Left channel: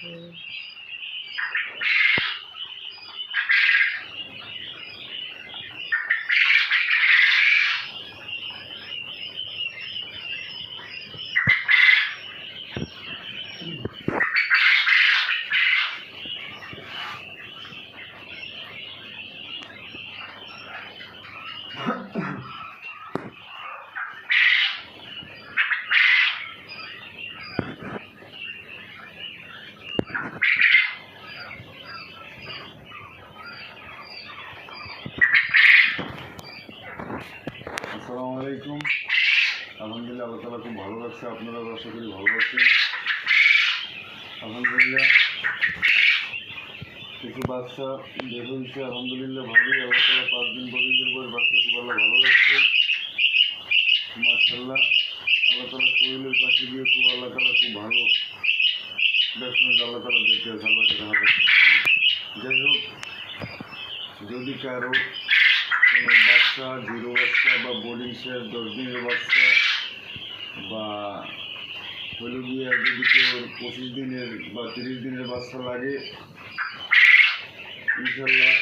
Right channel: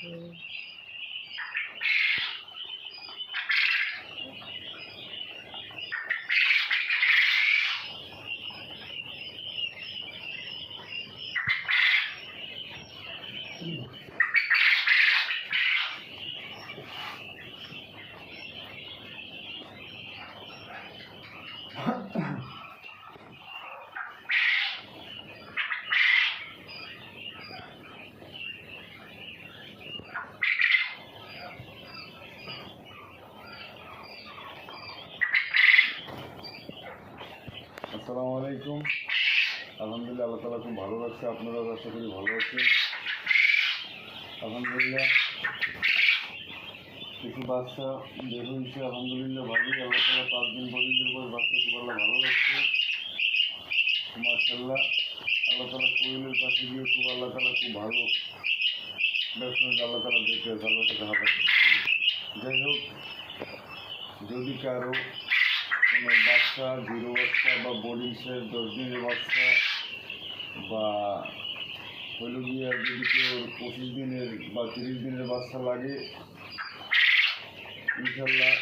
আসসালামু আলাইকুম। আলহামদুলিল্লাহ, আল্লাহ তাআলা খুব ভালো রাখছে। আপনারাও আশা করি ভালো আছেন। আলহামদুলিল্লাহ, কিছু বাচ্চা বের হয়েছে, আলহামদুলিল্লাহ ভালোই। আল্লাহ তাআলা 5 দিন বড়িদের পর বাচ্চা খুব আল্লাহ ভালো রাখছে, মাশাআল্লাহ। আল্লাহ তাআলা কোয়েলের পাশে গিয়ে খুব আল্লাহ তাআলা খুব ভালো ব্যবসা আল্লাহ তাআলা দেখে আছে, আল্লাহ তাআলা। যাই হোক, যদি কারো কোনো বাচ্চা, 0 বাচ্চা বা বোর্ডিং শেষ 10 দিনের বাচ্চা বা হইল গিয়ে যদি কেউ 25 দিনের বা 30 দিনের বাচ্চা লাগে, ইনশাল্লাহ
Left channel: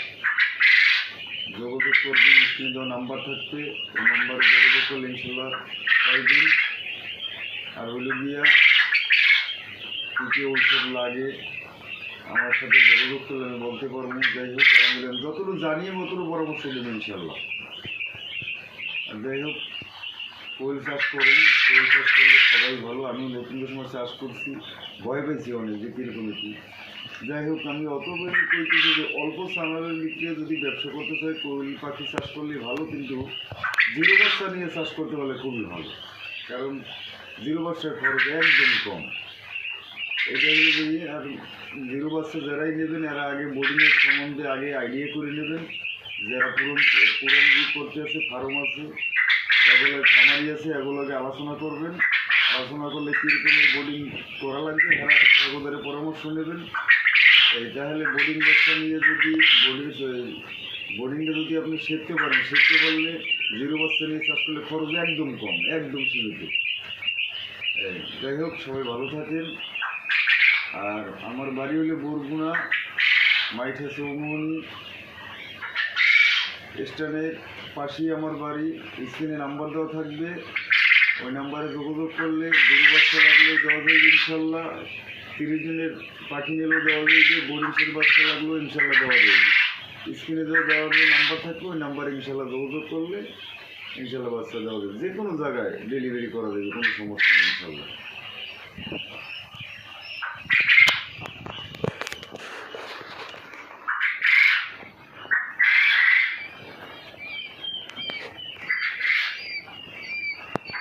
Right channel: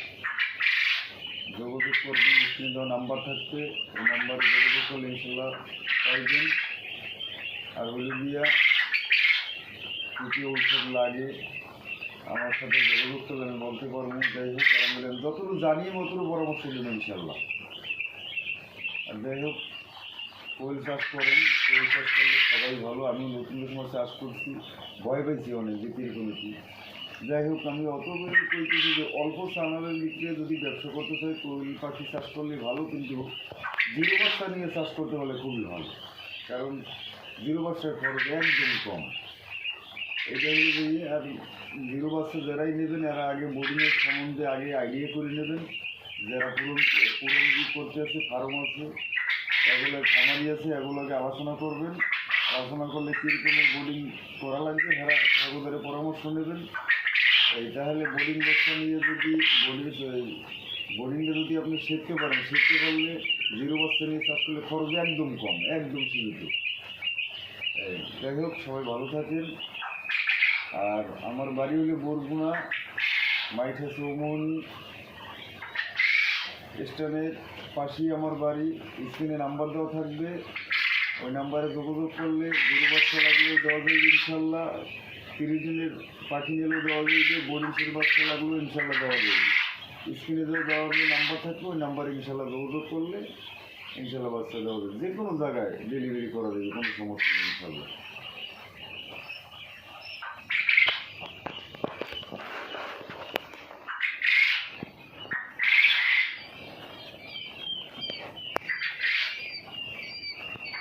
যোগাযোগ করবেন। স্ক্রিনে দেওয়া নাম্বার থাকবে, ওই নাম্বারে যোগাযোগ করলে ইনশাল্লাহ পাইবেন। আর হইল গিয়া কী কী ঔষধ লাগে আমার সাথে যোগাযোগ করলে আমি বলতে পারবো। যাই হোক, আলহামদুলিল্লাহ যতটুকু জানি ততটুকু পরামর্শ দেবেন ইনশাল্লাহ। আর যাই হোক, কোয়েল চাষ করেন, কোয়েল চাষ করলে সবাই ভালো। আমি নতুন সময় চাষ করছি, ভয় পেয়েছি অনেক যে কীরকম কি। যাই হোক, আমি অত বেশি কইতেছি যে অল্প চানারের দিকে যদি ব্যবসা করতে চাই, কোয়েল পাখি চাষ করলে ভালো, কিন্তু 0 বাচ্চা নিয়ে চাষ করতে হলে খুবই ভালো। কারণ 0 বাচ্চার খরচ একদম কম। এটা হলে বুঝি। আর 0 বাচ্চা যারাই নেবেন এরা আগে বোর্ডিংয়ের সম্বন্ধে আগে আইডিয়া করে নেবেন। যারা পুরন করতে আছে, ফার্ম আছে, এগুলো খামারি আছে, এগুলোকে আলোচনা করবেন। আলোচনা করলে কীরকমের বোর্ডিং করা লাগবে এগুলোর পরামর্শ নেবেন। তাহলে বোর্ডিং বাচ্চা নিয়ে যদি বোর্ডিংটা যদি আপনি শিখতে পারেন, শিখতে পারলে 0 বাচ্চা নিয়ে চাষ করলে খরচ একদম কম, একদম সীমিত। যাই হোক, সবাই ভালো থাকেন। আর আমার বাড়ি হলে বরগুনা, মাইঠা চৌমনি স্ট্যান্ডের পাশেই আমার বাড়ি। স্ক্রিনে নাম্বার দেওয়া থাকবে, ওই নাম্বারে যোগাযোগ করলে 0 বাচ্চা লাগলেও দেওয়া যাবে ইনশাল্লাহ। 30 দিনের পাখি নিলেও দেওয়া যাবে, বোর্ডিংসের বাচ্চা লাগলেও ইনশাল্লাহ দেওয়া যাবে। স্ক্রিনে দেওয়া নাম্বার থাকবে, ওই নাম্বারে ইনশাল্লাহ যোগাযোগ করলে ইনশাল্লাহ বাচ্চা দেওয়া যাবে। যে কোনো জায়গায় ডেলিভারি করা যাবে, কোনো সমস্যা নেই ইনশাল্লাহ।